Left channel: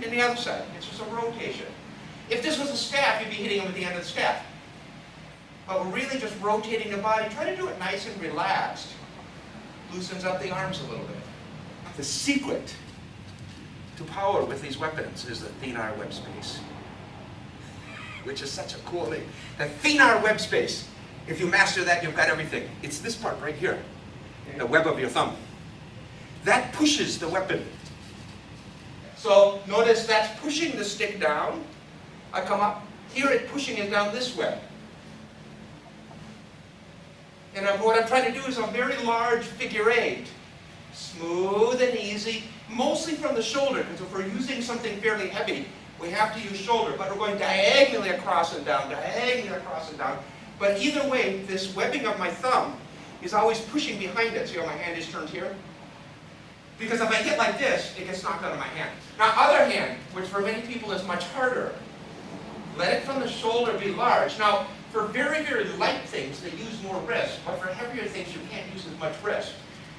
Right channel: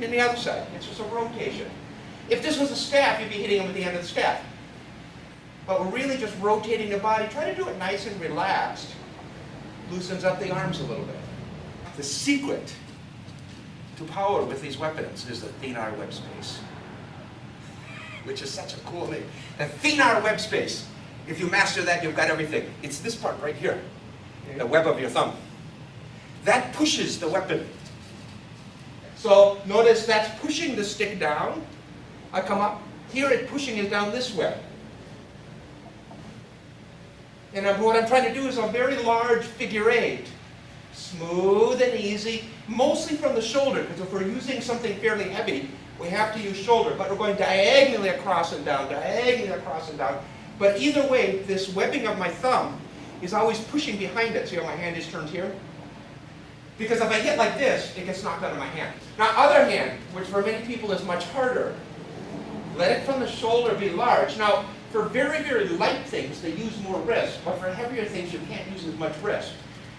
and then the other side. It's just a rotation. If this was a staff, you'd be hitting them at the end of the staff. But we're really just rotating the body. Try to do it nice and relaxed. Loosens up the arms a little bit. The secret to power with these weapons is the thenar web space, which is such a cool thing. The thenar web space. If you master that, you've got everything. It's this part right here, the web of your thumb. That pushes the weapon. So notice that's pushing the stick down. I come up. Here it's pushing it down this way. And what I'm trying to do is a very large figure eight. Smooth and easy, mostly from the shoulder, because if we're using something fairly heavy, we have to use shoulder. But we're going diagonally across and down, diagonally across and down. But either way, this webbing of my thumb is always pushing behind it. See how my hand is turned here? Because if I hit like this, it gets knocked out of my hand. Now, other hand, which for many people is much harder, let it from the shoulder be large. Now, for very, very light things, they use more wrist, but for heavier things, you can't use as much wrist.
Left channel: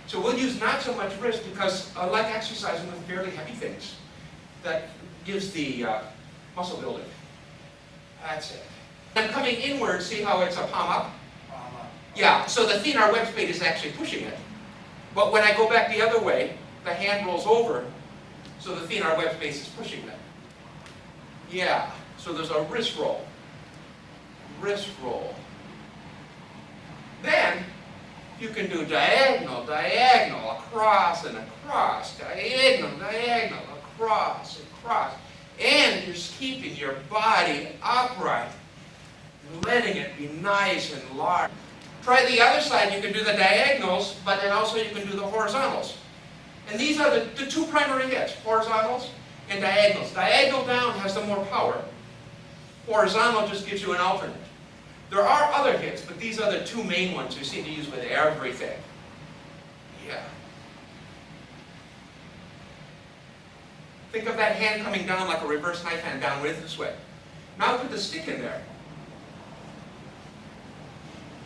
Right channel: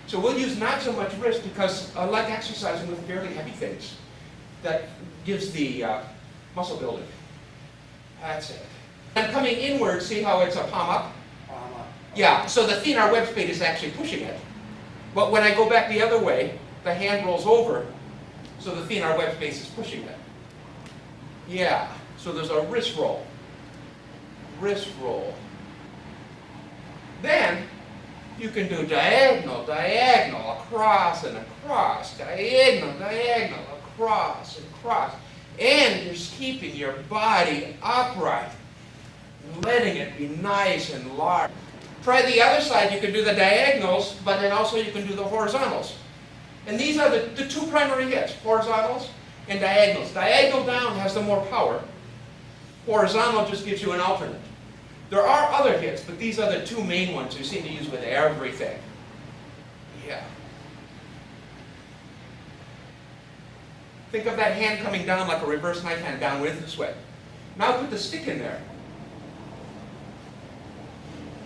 So we'll use not so much wrist because I like exercising with very heavy things. That gives the muscle building. That's it. I'm coming inward, see how it's a palm up? Palm up. Yeah, so the thenar web space is actually pushing it. But when I go back the other way, the hand rolls over, so the thenar web space is pushing it. Yeah, so there's a wrist roll. Wrist roll. Then you can do diagonal, diagonal, across and across, diagonal, diagonal, across and across. And you're keeping your body upright, letting it be nice and large. Try the other side. You can do the diagonals, but then also you can do the horizontals. And these are the two primary hits, horizontals and diagonals. Diagonal down has the more power. Horizontal just gives you an alternate. There are other hits, but these are the two main ones you seem to use with everything. Yeah. Think of that hand coming down like a reverse knife hand down with this way. Now put the stick in there.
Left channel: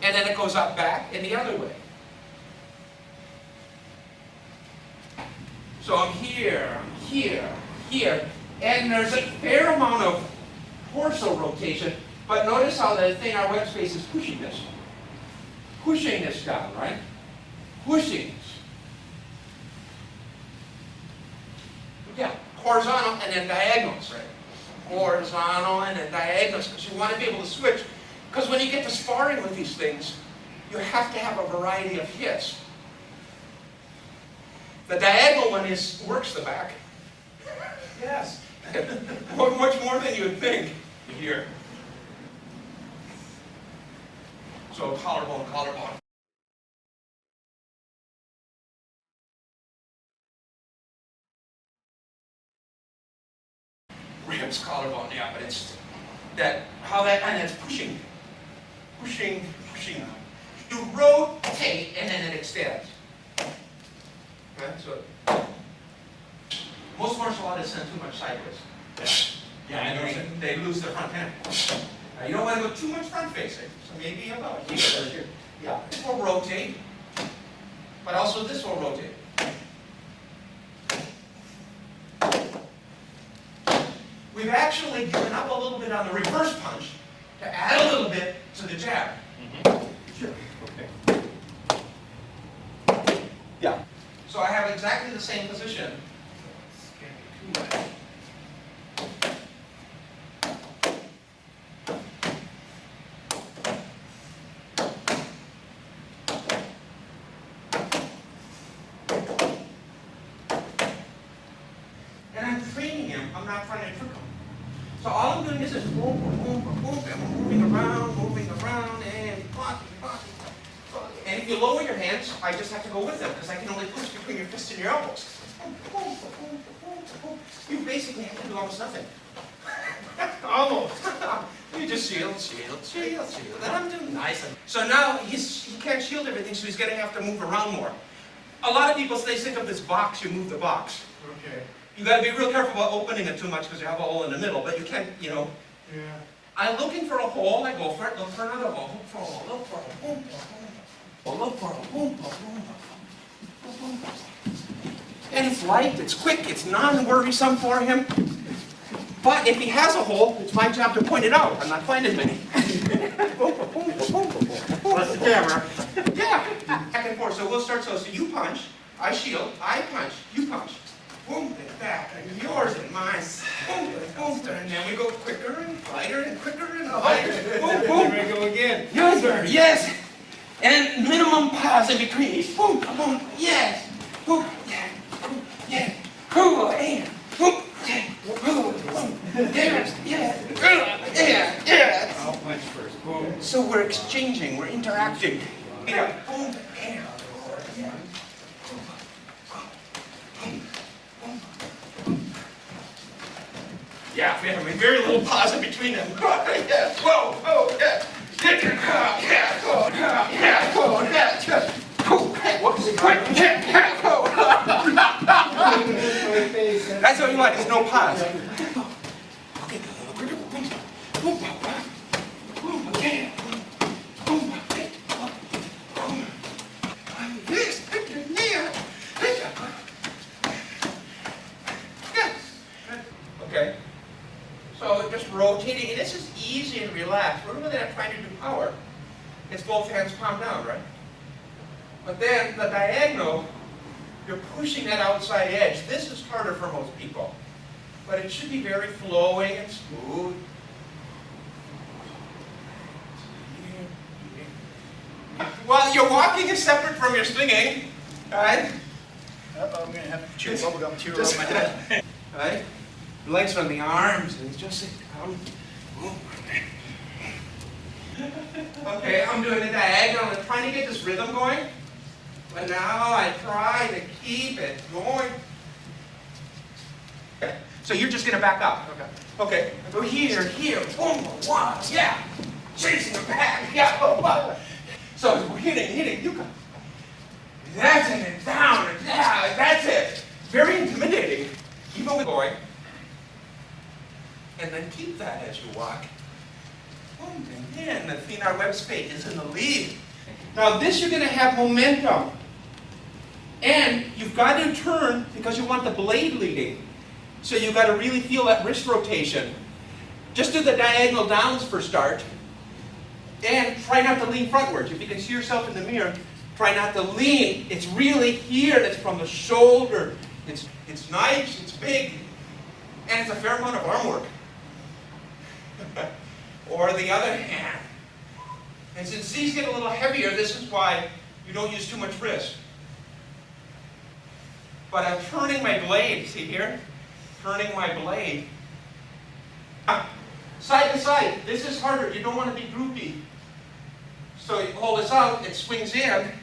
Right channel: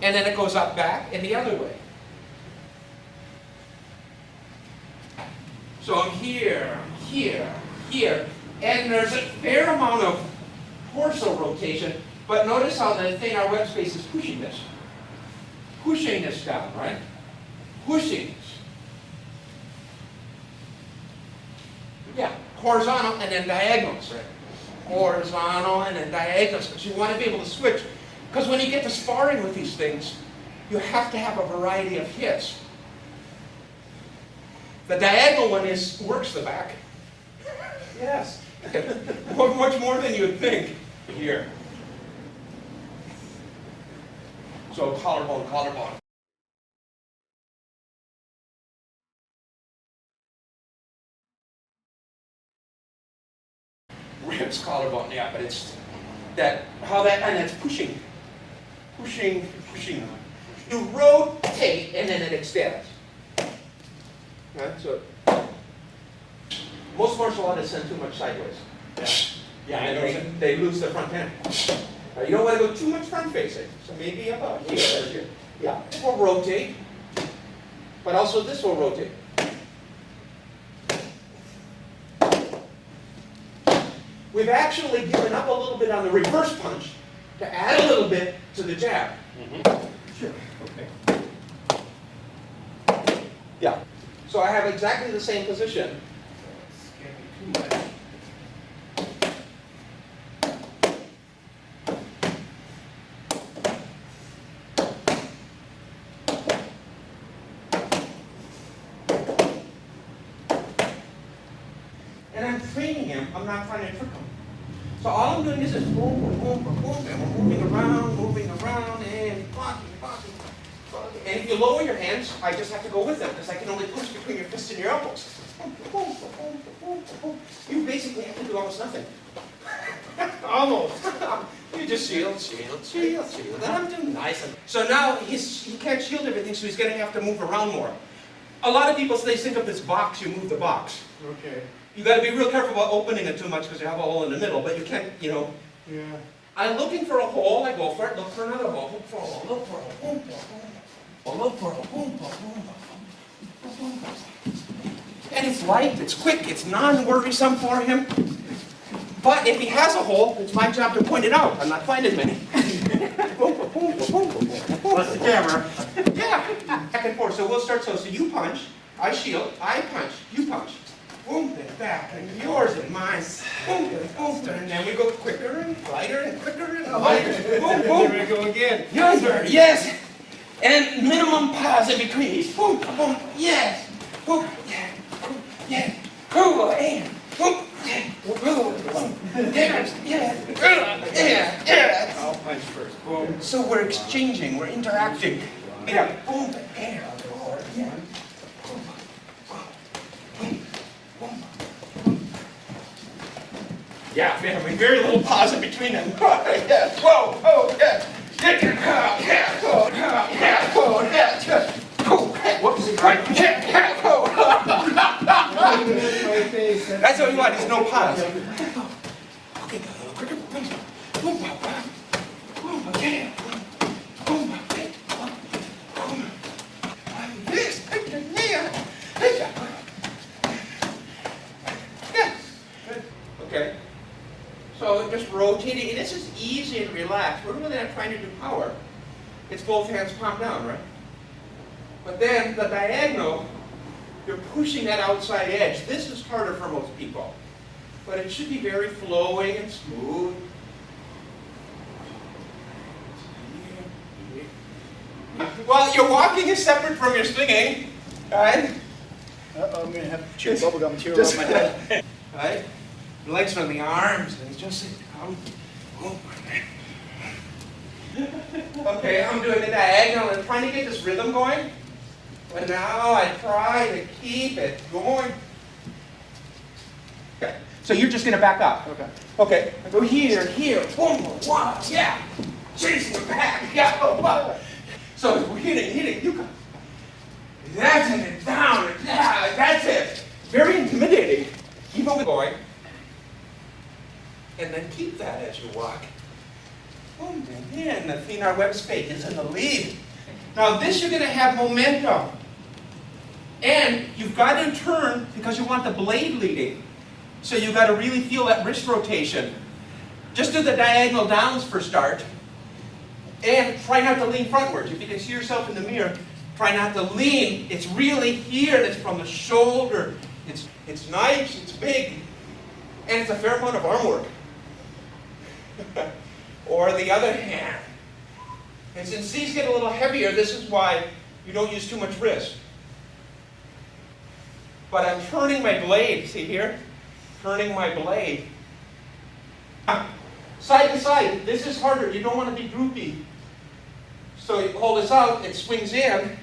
And then it goes up back and the other way. So I'm here, here, here. And there's a fair amount of torso rotation. But notice how the thenar web space is pushing this. Pushing this down, right? Pushing this. Yeah, horizontal and then diagonals, right? Horizontal and then diagonals, because you want to be able to switch. Because when you get to sparring with these things, you have to have a variety of hits. The diagonal one works the back. Yes. Much more than you'd think. Here. So collarbone, collarbone. Ribs, collarbone, yeah, but it's that, how that, and it's pushing. Pushing, pushing. You rotate and then it extends. Right? So, most martial artists send too much sideways. Yeah, and they lose their front hand. You don't want to go too much front facing. So maybe about here. Yeah, it will rotate. But also this will rotate. We've actually given up a little bit on the reverse punch to add a little bit to the jab. Sure. Okay. Yeah. So I have exactly the same position. I'm not trying to trick them. So all I'm doing is just boom, boom, boom, boom, boom, and we're moving around, and blocking. And if you lower your hands, I just have to go with them, because I can only push between your fists and your elbows. You basically have to do almost nothing. Almost. You just shield. Then I'm doing nice. So now he can't shield everything, so he's going to have to move around more. A lot of people say, think of this box, you move the box. Okay. You got to be real careful about opening it too much because you have a hole in the middle, but you can't, Yeah. I'm looking for a hole, I go for it, look for another hole, look for a hole, look for a hole, look for a hole, look for a hole, And it's light, it's quick, it's non-worrisome for him. But if he has a hole, it's my job to point it out. I'm not finding many. That's the camera. Yeah, back and forth. So we'll start. So you punch, I shield, I punch, you punch. Boom, and back, and yours and mine. Boom, and then we go quicker and lighter and quicker and lighter. Boom, boom. There we go again. Your turn, yes. And minimum pause in between each. Boom, boom, yes. Boom, yeah, boom, yeah. Boom, and boom, yeah. Boom, yes, yeah. I'll punch first. Boom. So we're exchanging, we're interacting. Yeah, boom, and yeah. Yeah, we have very little pause in between them. Yeah, whoa, oh, yeah. Yeah, oh, yeah, oh, yeah. Whoops. That's what we want, is no pause. Okay, boom, okay. Boom, okay. Yes, yeah. Okay. So just rotating, and this is easy and relaxed. We're really not trying to do power. It's both hands palm down, right? But then the diagonal, you're pushing that outside edge. This is harder for most people. But it should be very flowing and smooth. Well, your walking is separate from your swinging, right? Uh-oh, I'm going to have to chew bubblegum tear on my head. Right? Legs on the arms, and it's just okay, I'm doing the diagonal and trying to get this rhythm going. But now I try to keep it going. Okay. So you're just going to back up. Okay. Okay. Go here, boom, one, yeah. Chasing the back, yeah. So we're hitting, you go. That's it, and down, and yeah, that's it. Very intimidating. Keep on going. And then keep that as you walk. Boom, and then the thenar web space is in the lead. Now this you're going to have momentum. And you've got to turn because you want the blade leading. So you've got to really feel that wrist rotation. Just do the diagonal downs for start. And try not to lean frontwards. If you can see yourself in the mirror, try not to lean. It's really here. It's from the shoulder. It's nice. It's big. And it's a fair amount of arm work. Or the other hand. And since these get a little heavier, this is why you don't use too much wrist. But I'm turning my blade. See here? Turning my blade. Side to side. This is harder. You don't want to be droopy. So you hold this out. It swings in.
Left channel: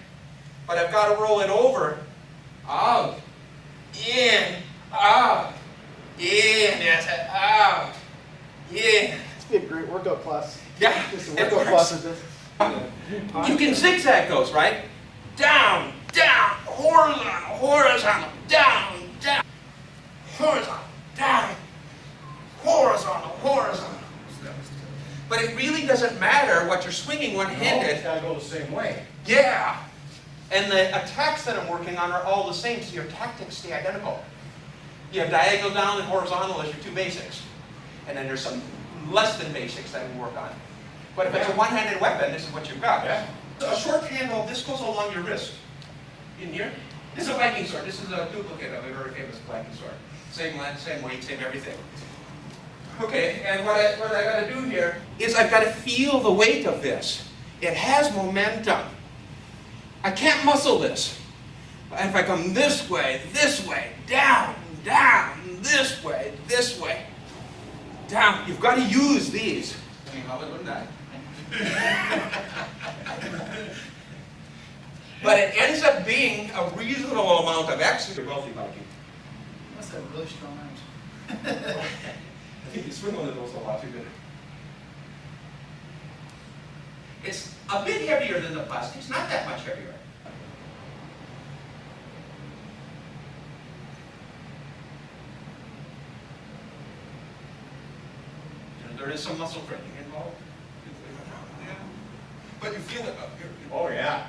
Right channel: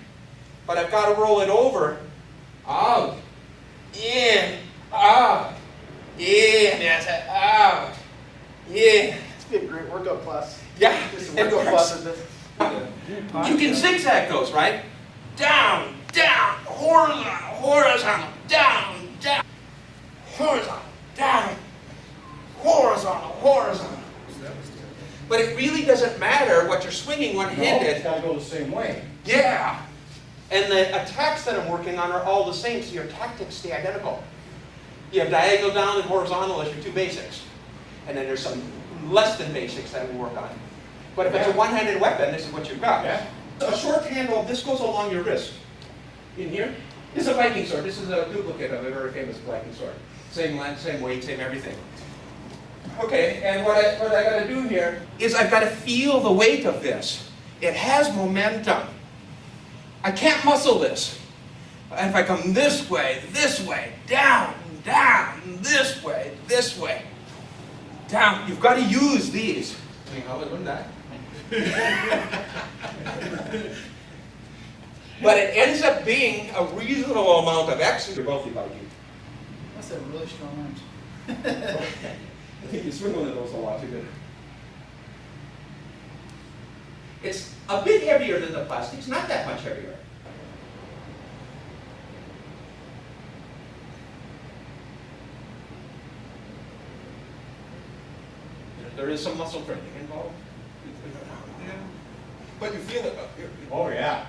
But I've got to roll it over. Out. In. Out. In. That's it. Out. In. It's been a great workout class. Yeah. Just a workout class of this. You can zigzag those, right? Down, down, horizontal, horizontal, down, down, horizontal, down, horizontal, horizontal. But it really doesn't matter what you're swinging one-handed. It's got to go the same way. Yeah. And the attacks that I'm working on are all the same, so your tactics stay identical. You have diagonal down and horizontal as your two basics. And then there's some less than basics that we work on. But if it's a one-handed weapon, this is what you've got. Yeah. A short handle, this goes along your wrist. In here. This is a Viking sword. This is a duplicate of a very famous Viking sword. Same length, same weight, same everything. Okay, and what I got to do here is I've got to feel the weight of this. It has momentum. I can't muscle this. And if I come this way, down, down, this way, down, you've got to use these. But it ends up being a reasonable amount of exercise. They're wealthy about you. That's a really strong arms. I think you swing one of those a lot too good. It's a bit heavier than the plastic. It's not that much heavier. There is some muscle training involved. But you feel it up here. Oh, yeah.